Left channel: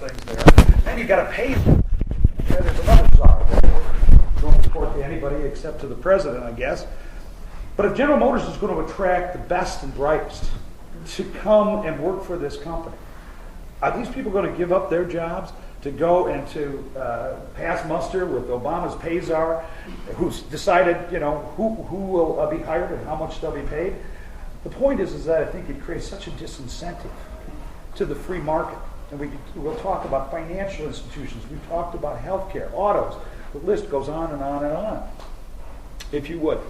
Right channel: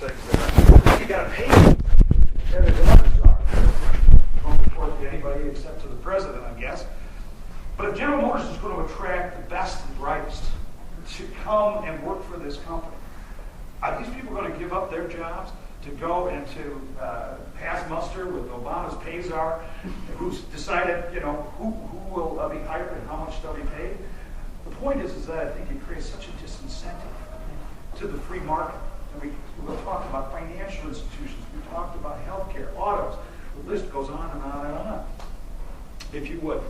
things there. You got to pay them. Yeah, there's another czar. Don't report to anybody except to the president, I guess. But if General Motors is going to attract the best and brightest to come and work for this company, are these people going to give up their jobs to go and to pass muster with Obama's pay czar, who's decided, who will be hired and how much they'll be paid? The point is that I think it creates such a disincentive to the free market. And we'll talk about financial institutions. We've talked about healthcare, autos. The list goes on and on and on, if you would.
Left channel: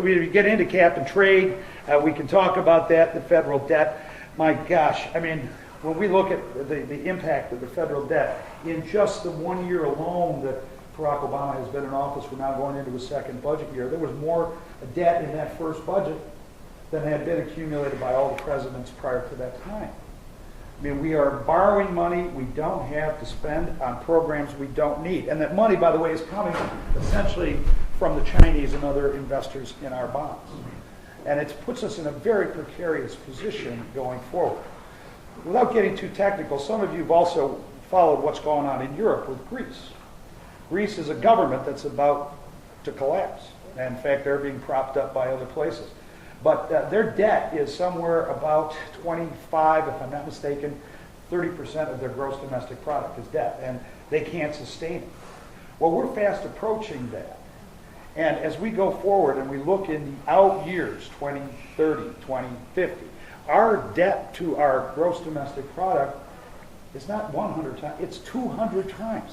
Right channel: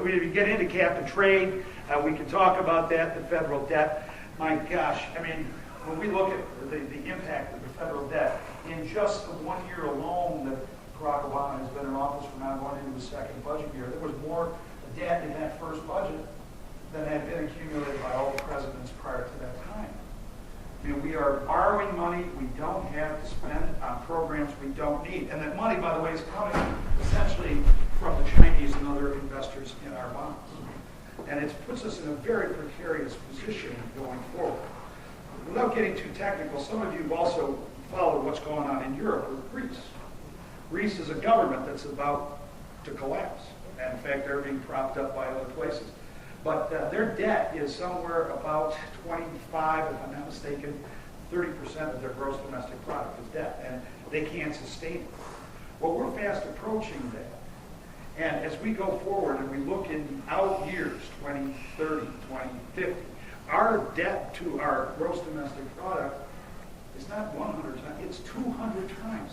We get into cap and trade. We can talk about that, the federal debt. My gosh, I mean, when we look at the impact of the federal debt, in just the 1 year alone that Barack Obama has been in office, we're now going into his second budget year, there was more debt in that first budget than had been accumulated by all the presidents prior to that time. I mean, we are borrowing money we don't have to spend on programs we don't need. And that money, by the way, is coming essentially from the Chinese and other investors in our bonds. And it puts us in a very precarious position going forward. Without getting too technical, some of you have also followed what's going on in Europe with Greece. Greece is a government that's about to collapse. And in fact, they're being propped up by other places. But their debt is somewhere about 25, if I'm not mistaken, 30% of their gross domestic product is debt. And they can't sustain it. Well, we're fast approaching that. And as we go forward and we look in the out years, 2030, 2050, our debt to our gross domestic product is not 100 times, it's 200 times.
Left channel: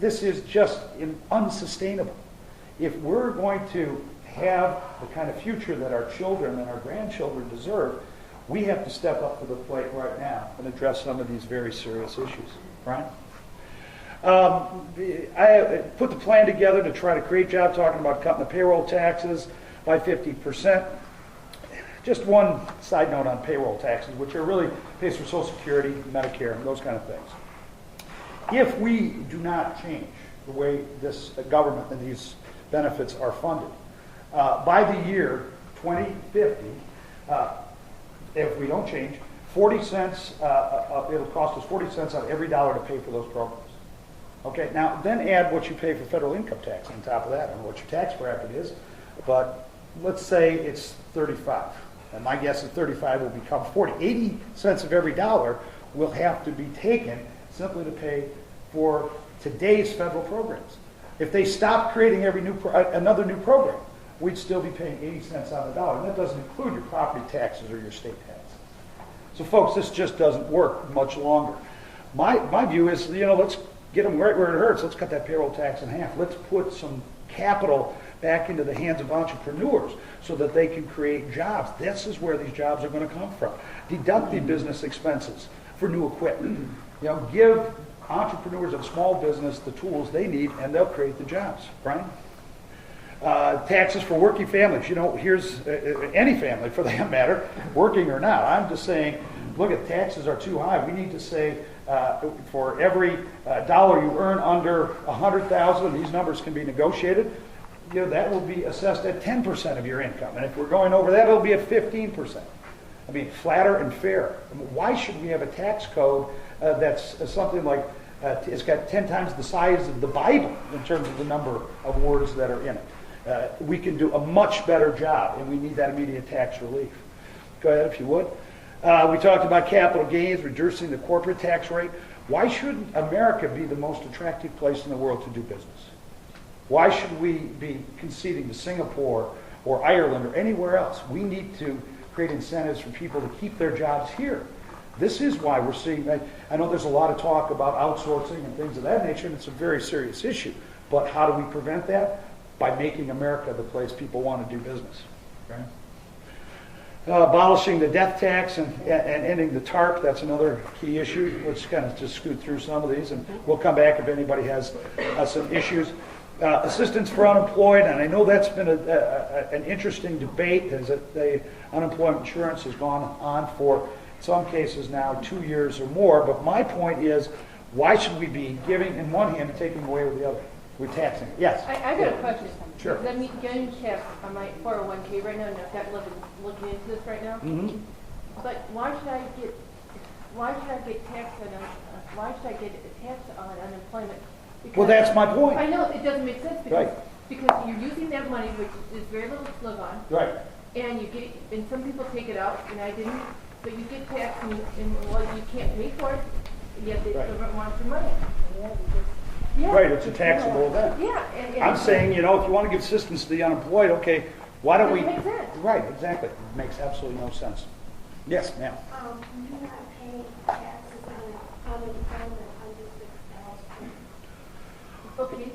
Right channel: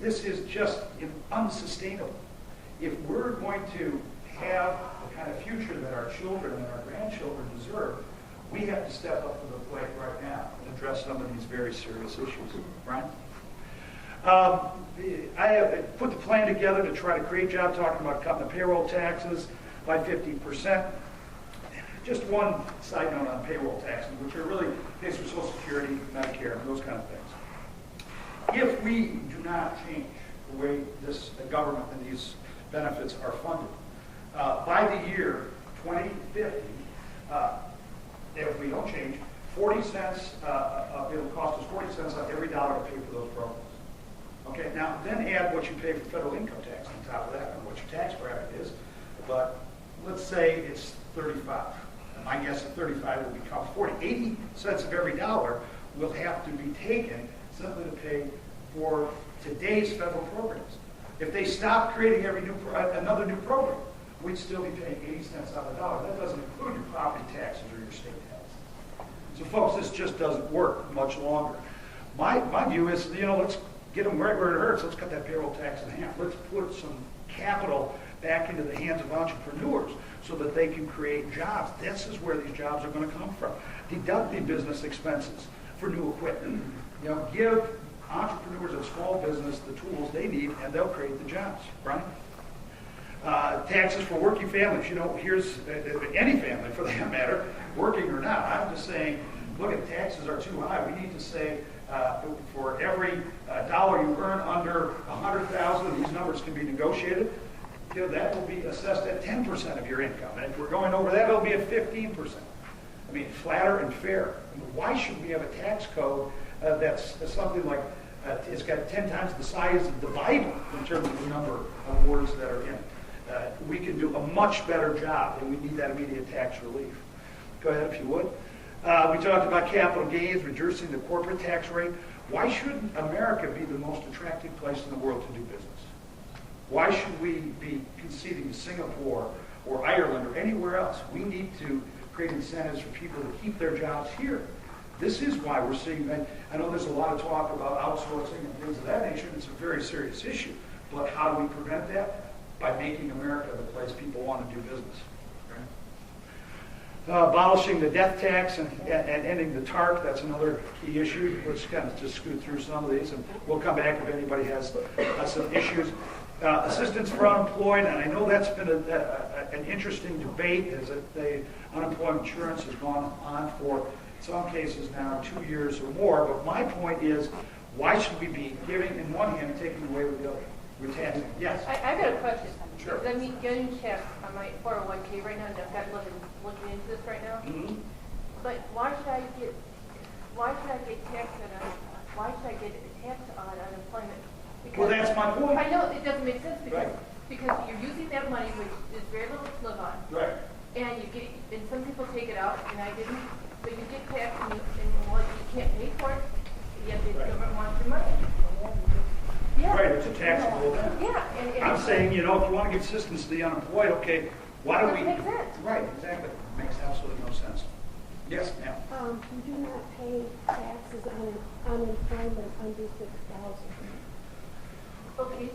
This is just unsustainable. If we're going to have the kind of future that our children and our grandchildren deserve, we have to step up to the plate right now and address some of these very serious issues, right? I put the plan together to try to create jobs, talking about cutting the payroll taxes by 50%. Just one side note on payroll taxes, which are really pays for Social Security, Medicare, and those kind of things. If we do not change the way this government and these benefits are funded, by the year 2050, if we don't change, 40 cents, it'll cost us 40 cents on every dollar to pay for those programs. Okay, now then add what you pay for federal income tax on top of that. I don't know what your tax bracket is, but let's say it's 35. And my guess at 35 will become 40. 80 cents of every dollar will have to be taken simply to pay for today's federal programs. If they stop creating another new program, we'd still be paying 80 cents on the dollar. That doesn't include your property taxes or your state taxes. So folks, this just doesn't work much longer. My view is, let's get them right where it hurts. Let's cut that payroll tax in half. Let's put some capital back into the hands of entrepreneurs so that they can create jobs. This is where these jobs are going to come from. Deduct the business expenses for new equipment. Give entrepreneurs and small business the tools they need, and they'll create the jobs, right? Taxes for working families. Here's any family for that matter, working or not. I'm just saying, look, at taxes are too high. We need to say for every dollar you earn under $100,000, these numbers can be negotiated. That will be assessed at 10% of your income, and if we're going over that, it'll be at 15%. I mean, flatter and fair. Why should we have a tax code that's something like it's got 10 times the size of the Bible in terms of the number of words that are in it? We can do a much better job, and we need that immediate tax relief. Go ahead, if you would. We talked about capital gains, reducing the corporate tax rate. Why shouldn't America be the most attractive place in the world to do business? Why should we be conceding to Singapore or Ireland or anywhere else? We need to create incentives for people to keep their jobs here. This is why we're seeing, I know there's a lot of talk about outsourcing and things of that nature, and it's a very serious issue. But how do we prevent that? By making America the place people want to do business. Right? Abolishing the death tax and ending the TARP, that's another key issue. We'll just kind of just scoot through some of these, and we'll come back if anybody has some issues. Assistance for unemployed, and I know that's been an interesting debate, as the unemployment insurance has gone on for, in some cases now, 2 years or more. But my point is, why should we be giving in one hand and taking away with the other? We're taxing. Yes? I got a question. Sure. I'm getting taxed on my 401k right now, and I've got looking into this right now. Mm-hmm. but why should I get taxed on, why should I get taxed on unemployment? Because Well, that's my point. I know, it doesn't make sense because, Right. because you're using that money, which is very little to live on, Right. and you get, and some people take it out, and I didn't, but you get taxed and well, you can't pay for it, yet the Right. government wants your money. Yeah, Right, it's a taxable event. Yeah, and. I'm saying, you know, if you want to give assistance to the unemployed, okay, why don't we? It doesn't make sense. Right, exactly. It makes absolutely no sense. Yes, ma'am. You do not pay taxes on unemployment under 6,000. Okay,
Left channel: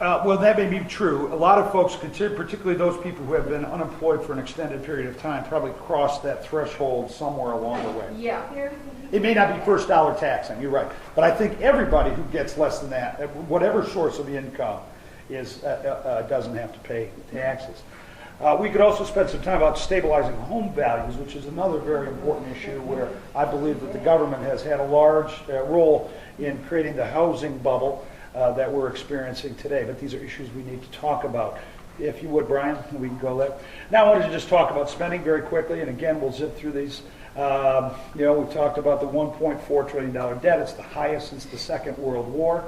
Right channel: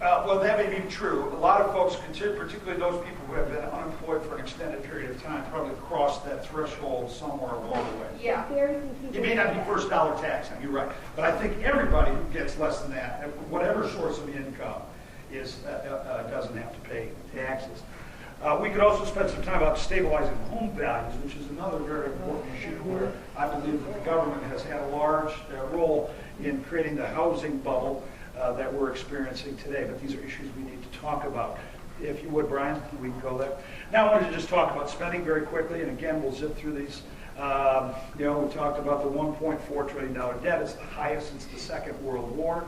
Well, that may be true. A lot of folks consider, particularly those people who have been unemployed for an extended period of time, probably crossed that threshold somewhere along the way. yeah. Very few people It may not do be that. first dollar tax, you're right. But I think everybody who gets less than that, whatever source of income, doesn't have to pay taxes. We could also spend some time about stabilizing home values, which is another very important issue where I believe that the government has had a large role in creating the housing bubble that we're experiencing today. But these are issues we need to talk about. If you would, Brian, we can go there. Now I wanted to just talk about spending very quickly, and again, we'll zip through these. We talked about the $1.4 trillion debt. It's the highest since the Second World War.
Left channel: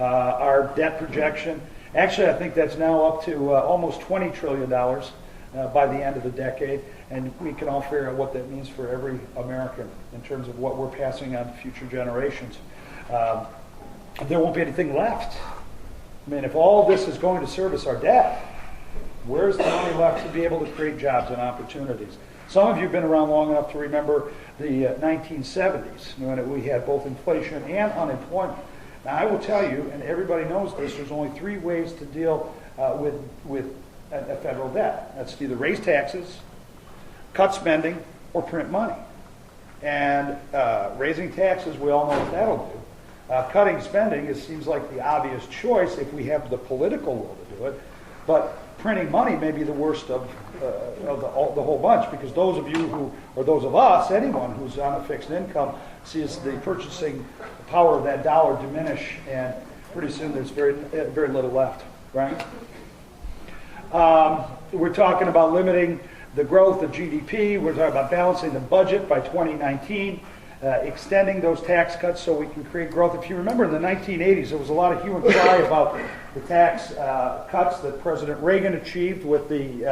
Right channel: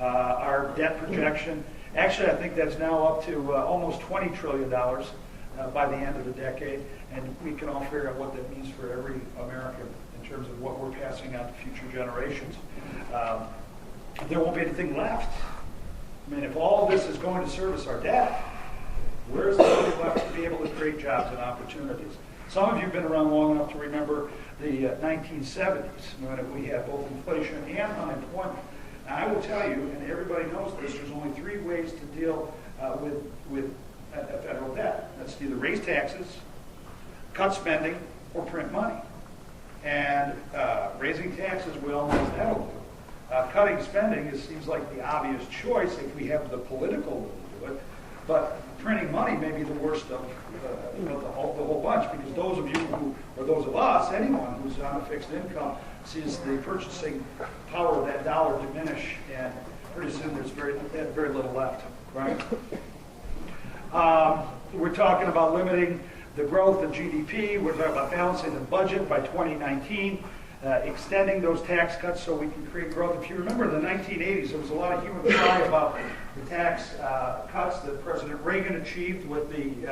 Our debt projection, actually, I think that's now up to almost $20 trillion by the end of the decade, and we can all figure out what that means for every American in terms of what we're passing on to future generations. There won't be anything left. I mean, if all this is going to service our debt, where's the money left to be able to create jobs and opportunities? Some of you have been around long enough to remember the 1970s when we had both inflation and unemployment. Now, I will tell you, and everybody knows this, there's only three ways to deal with a federal debt. That's to either raise taxes, cut spending, or print money. And raising taxes, we all know what that'll do. Cutting spending seems like the obvious choice if we have the political will to do it. But printing money may be the worst of the whole bunch, because those of you who, or those of us, anyone who's on a fixed income, sees the purchasing power of that dollar diminish, and pretty soon there's very little left, right? We're talking about limiting the growth of GDP. We're talking about balancing the budget by 2019, extending those tax cuts so we can create growth. If you remember in the 1980s, there was a lot of hue and cry about the tax cuts that President Reagan achieved with the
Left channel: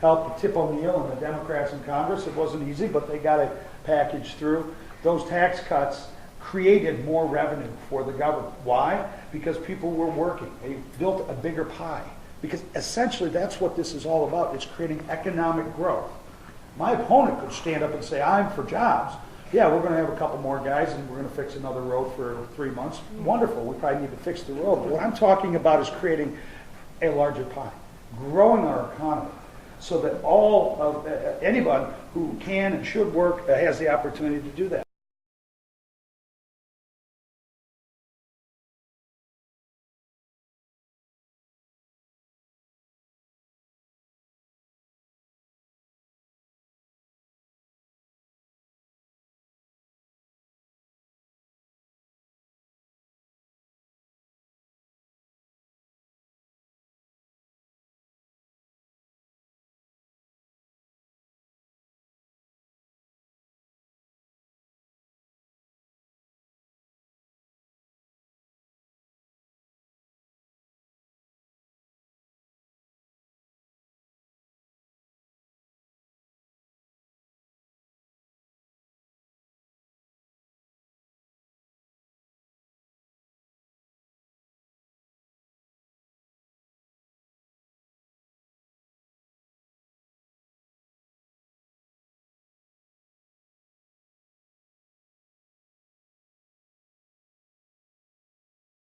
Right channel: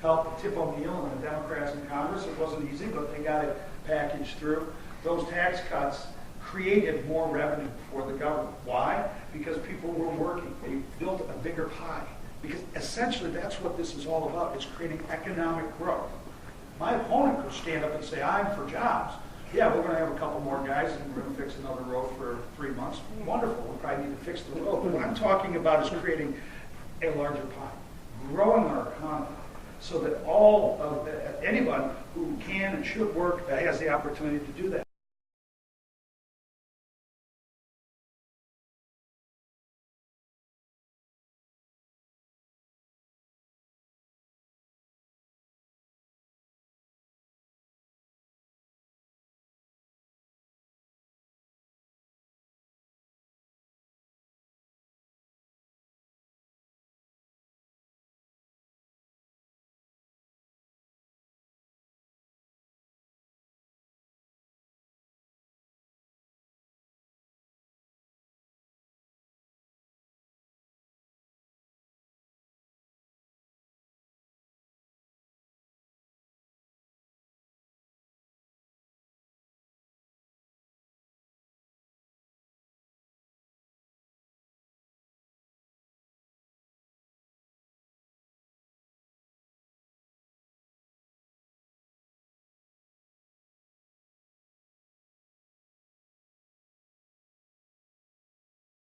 help of Tip O'Neill and the Democrats in Congress. It wasn't easy, but they got it packaged through. Those tax cuts created more revenue for the government. Why? Because people were working. They built a bigger pie. Because essentially that's what this is all about. It's creating economic growth. My opponent could stand up and say, I'm for jobs. Yeah, we're going to have a couple more guys and we're going to fix another road for 3 months. Wonderful. We probably need to fix the road. But what I'm talking about is creating a larger pie, growing our economy so that anybody who can and should work has the opportunity to do that.